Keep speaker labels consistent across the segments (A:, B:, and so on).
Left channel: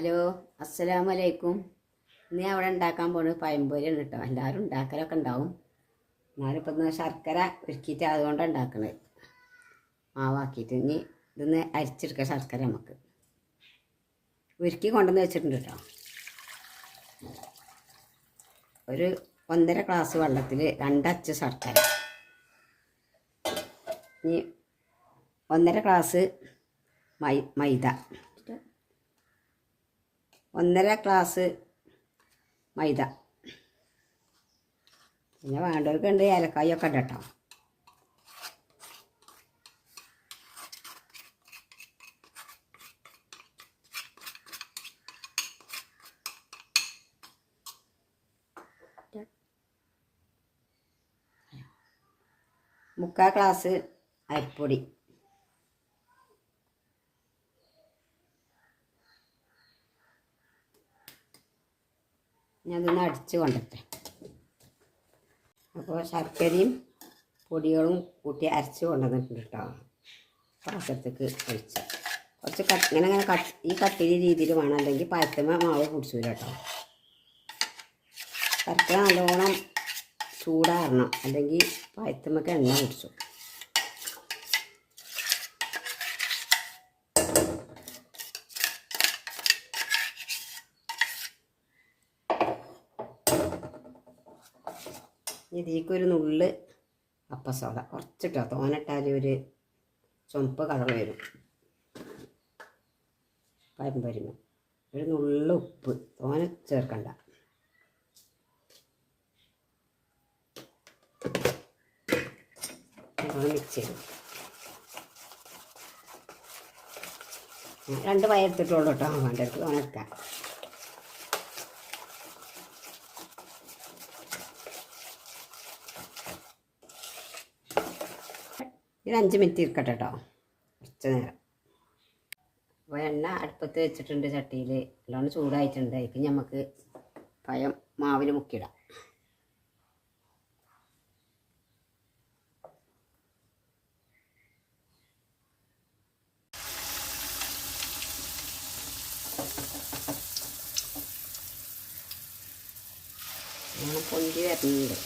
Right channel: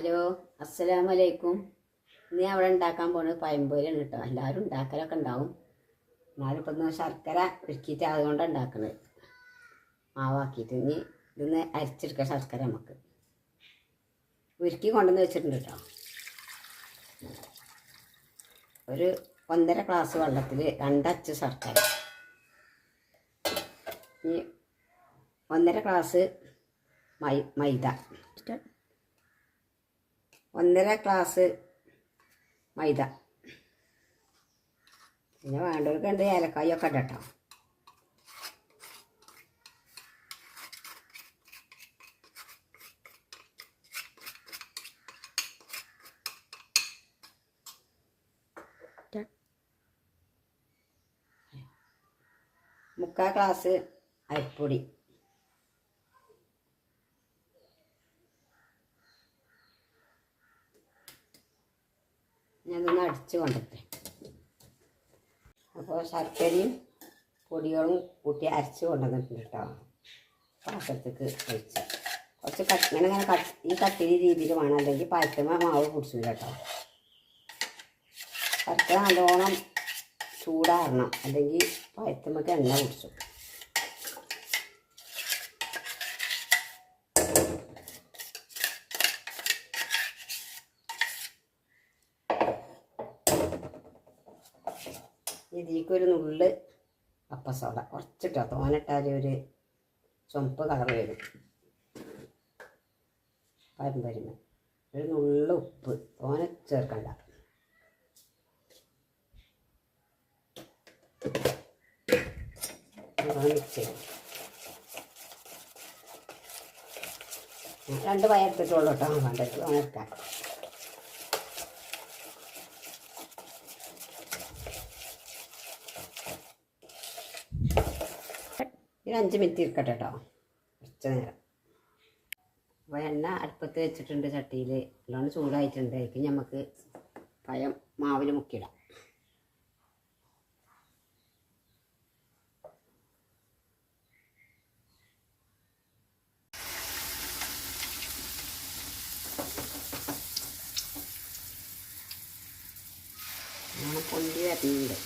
A: Hello അസ്സലാമലൈക്കും. ഇന്ന് അവിടെ ഉണ്ടാക്കാൻ പോണത് പയമ്പൊരിയാണ് കേട്ടോ. എല്ലാവരും ഉണ്ടാക്കലൊക്കെ ഉണ്ടാവും. എന്നാലും ഇന്ന് ശർക്കര ഒരുക്കിയിട്ട് അതുകൊണ്ടാണ് ഉണ്ടാക്കണത്. മാവാക്കിയിട്ട്. ഇനി ഇതൊന്ന് അരിച്ചെടുക്കാം ശർക്കര നമുക്ക്. ഉരുക്കി കൊണ്ടുവന്ന് വെച്ചിട്ടുണ്ട് കേട്ടോ. ഒരു ഒന്നര ഗ്ലാസ് വെള്ളത്തിൽ രണ്ടച്ച് ശർക്കര. ഇനി ഒന്നര ഗ്ലാസ് മൈ മൈദ. ഒന്നര ഗ്ലാസ് മൈദ. പിന്നെ വേണ്ടവർക്ക് ഉണ്ട് ഏലക്കായൊക്കെ ഉണ്ട് കേട്ടോ മുക്കാൽ ഗ്ലാസ് അരിപ്പൊടി. ഞാനതൊന്ന് അടിച്ചു കൊണ്ടിട്ടെ. അപ്പോൾ ശർക്കരയും പൊടികളും കൂട്ടി അരച്ച് കൊണ്ടുവന്നിട്ടുണ്ട് കേട്ടോ. പാത്രത്തേക്ക് ഒഴിച്ച. കുറച്ച് കട്ട് ഇങ്ങനെ ഇങ്ങനെ കട്ട് ഈ കട്ടിരി രീതിയിൽ വേണം. അല്ലെങ്കിൽ പഴത്തമ്മ മാവ് കുടിച്ചില്ല കേട്ടോ. ശർക്കര നല്ലോണം ചൂടാറണം. അല്ലെങ്കിൽ പഴത്തമ്മക്ക് എണ്ണ കുടിച്ചു ഇതിലേക്ക് ഒരു നുള്ള് അപ്പസോഡ. കുറച്ചിട്ടോ. തോനിട്ടാൽ ഒരു ചുമപ്പ് കളർ വരും. പാരമ്പര്യം ഒരു നുള്ള ഉപ്പ്. തോനെ ചേർക്കണ്ട. രണ്ട് പയ എടുത്തിട്ടുള്ളൂ കേട്ടോ. വേണ്ടത് ഉണക്കാം ഇത് അഞ്ച് മിനിറ്റ് ഇരിക്കട്ടെ കേട്ടോ കുറച്ച് നേരം. അപ്പോൾ എണ്ണ അടുപ്പത്ത് വെച്ചിട്ടുണ്ട് ചട്ടിയിൽ നല്ലോണം ചൂടായിട്ടുണ്ട്. അതിലേക്ക് നമുക്ക് പഴം മാവിൽ മുക്കിയിടാം. പൊന്തി വരുന്നുണ്ട്.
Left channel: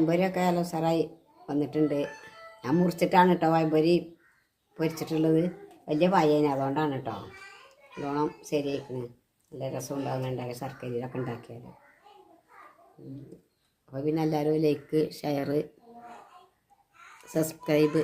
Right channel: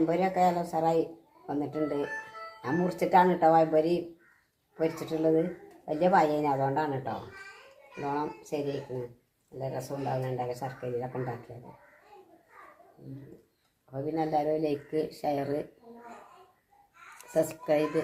A: വയമ്പൊരിയൊക്കെ നല്ല ഉസാറായി വന്നിട്ടുണ്ട്. ഞാൻ മുറിച്ചിട്ടാണ് കേട്ടോ വയമ്പൊരി പൊരിച്ചിട്ടുള്ളത്. വലിയ പായേനെ അതുകൊണ്ടാണ് കേട്ടോ നല്ലോണം ശരിയായിരിക്കുന്നു നല്ല രസം ഉണ്ടാകുന്നുണ്ടാക്കി ശർക്കരയിലൊക്കെ ഉണ്ടാക്കിയത് അപ്പോൾ പിന്നെ എല്ലാവരും ലൈക്ക് ഷെയർ സബ്സ്ക്രൈബ്